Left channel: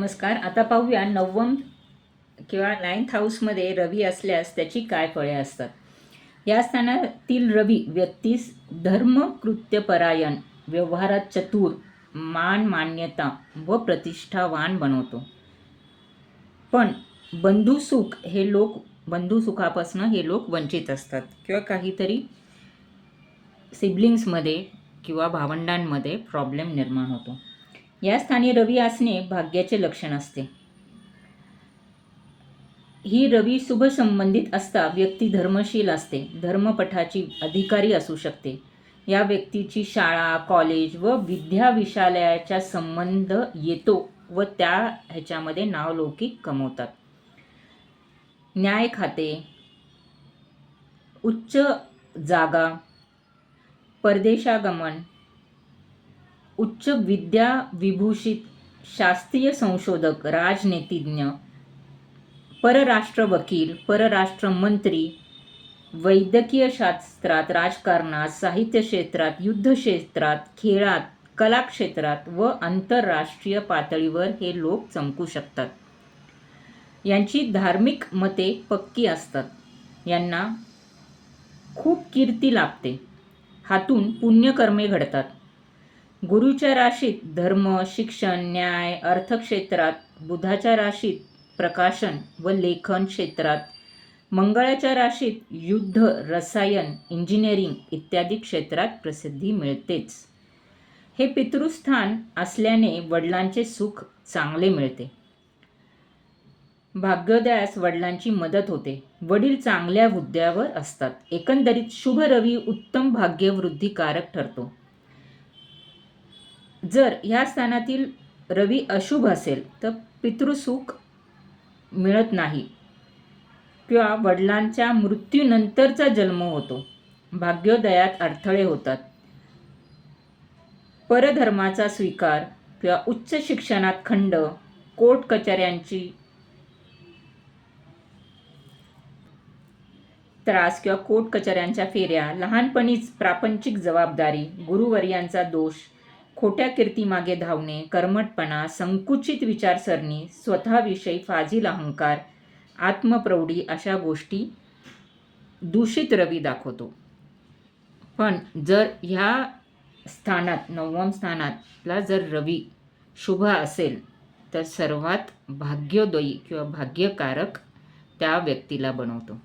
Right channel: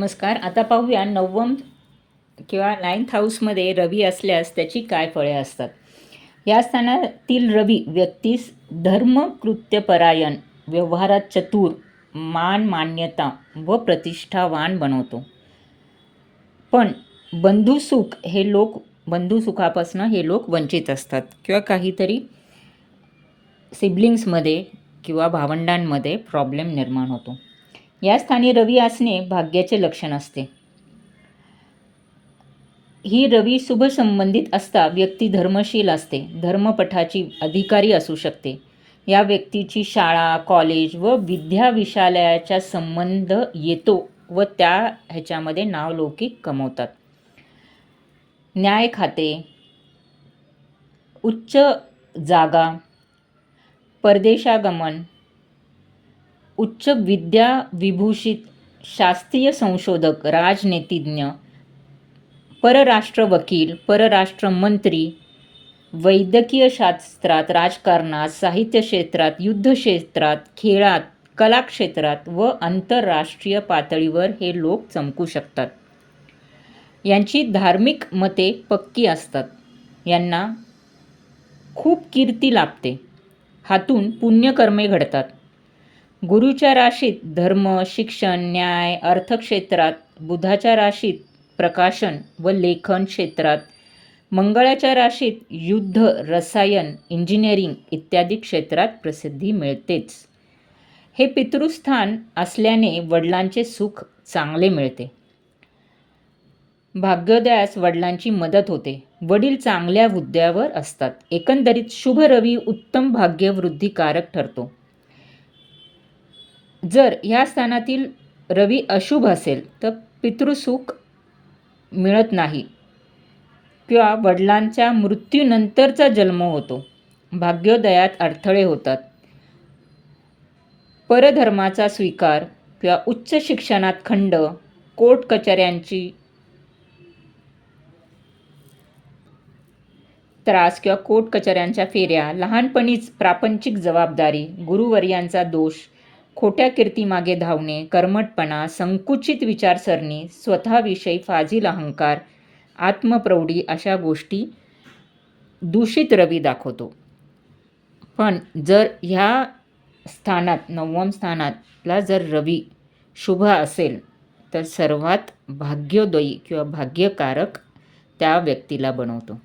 नमस्कार. आता पाहूया नवम किंवा 9th हाऊसमध्ये रवी असल्यास त्याची काय फळे असतात. या स्थानातील रवी व्यक्तीस धर्मकृत्यपरायण, व्यवहारात चतुर, मान मान्यता व प्रतिष्ठावान बनवतो. पण बंधुसुखापासून हे लोक वंचित असतात किंवा काहीतरी सिबलिंग्समध्ये किंवा भावंडांमध्ये प्रॉब्लेम निर्माण होतो. या स्थानी रवी असणे भाग्याचे लक्षण असते. ही रवी शुभ संबंधित असता व्यक्ती धर्मशील असते, धर्मपठाची अधिकारी असू शकते. या व्यक्तीची शाळा, कॉलेज व विद्याविशालयाचा संबंध येतो व त्या ह्याच्यामध्ये नावलौकिक कमवतात. न्याय खाते, उच्च जागा, परदेशागमन, उच्च विद्या विभूषित, शास्त्रीय संशोधक, राजनीतिज्ञ, परराष्ट्र वकील, परराष्ट्र मंत्री, वैद्यकीय शास्त्रात, राजकारणात, साहित्य क्षेत्रात, युद्ध क्षेत्रात, खेळात, कला क्षेत्रात व आंतरराष्ट्रीय पातळीवर हे लोक चमकू शकतात. यांची धार्मिक मते पक्की असतात. यांना खूप कीर्ती लाभते. हातून पुण्यकर्मे घडतात. गुरुच्या राशीत धर्म, शिक्षण, न्याय, अर्थक्षेत्रात, बुधाच्या राशीत प्रकाशन व लेखन क्षेत्रात, मंगळाच्या राशीत युद्ध, रसायन, इंजिनिअरिंग इत्यादी क्षेत्रात प्रसिद्धी मिळतेच. हे पितृस्थान असल्याने वडिलांचे सुख चांगले मिळते. भाग्योदयास वडिलांची मदत होते. वडील चांगल्या हुद्द्यावर असतात. एकंदरीत शुभ रवी उत्तम भाग्यवृद्धिकारक ठरतो. जर ह्या स्थानातील रवी अशुभ असेल तर पितृसुख मिळत नाही किंवा वडिलांच्या मृत्यूनंतरचा जन्म होतो. भाग्योदयात अडथळे होतात. परधर्माचा स्वीकार किंवा उच्च शिक्षणात खंड, कोर्ट कचऱ्यांची त्रास किंवा कोर्ट कचऱ्यांच्या फेऱ्या, लहानपणीच प्रापंचिक जबाबदारी, गुरुवर्यांचा दोष, खोट्या कीर्तीमागे धावणे, कर्मटपणा, संकुचित विचारसरणी, स्वतःविषयी फाजील अहंकार, आत्मप्रौढी अशा गोष्टी दूषित रवी दाखवतो. पण जर ह्या स्थानात 9व्या स्थानातला जर रवी शुभ असेल तर सर्वात भाग्योदयी किंवा भाग्यकारक त्या व्यक्तीला बनवतो.